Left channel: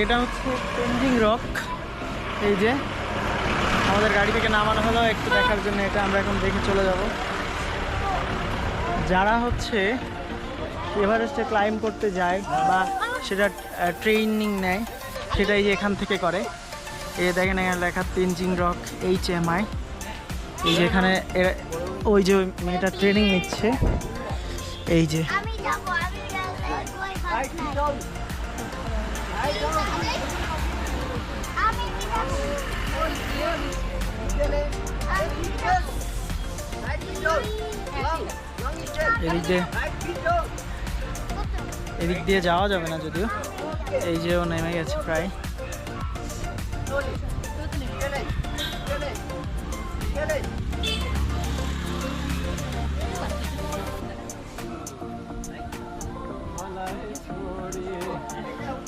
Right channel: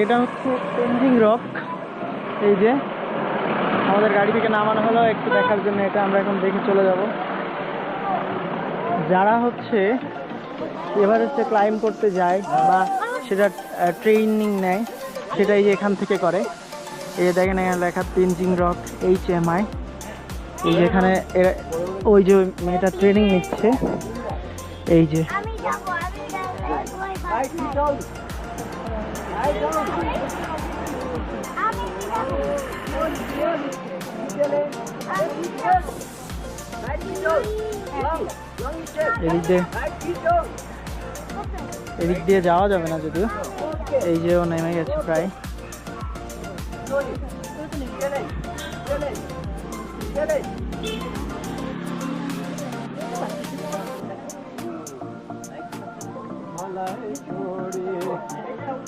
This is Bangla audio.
এটা হচ্ছে তেনজিং রক। এই যে আমাদের গাড়ি থেকে নামানো হলো একটু দেখার জন্য, এটা আমরা এখন দেখে চলে যাব। যারা হচ্ছে এভারেস্টে ক্লাইম্ব করতে যায় বা সেটা ট্রেনিং নেয়, সেটাই যে এখান থেকে করে। এই দেখেন এখানে লেখা তেনজিং রক HMI। এই যে এখানে ওই যে মেয়েটা ট্রেনিং নিচ্ছে। এই যে এদিক দিয়ে যাওয়া যাবে না যদিও। এই যে ও নেমে গেছে প্রায়।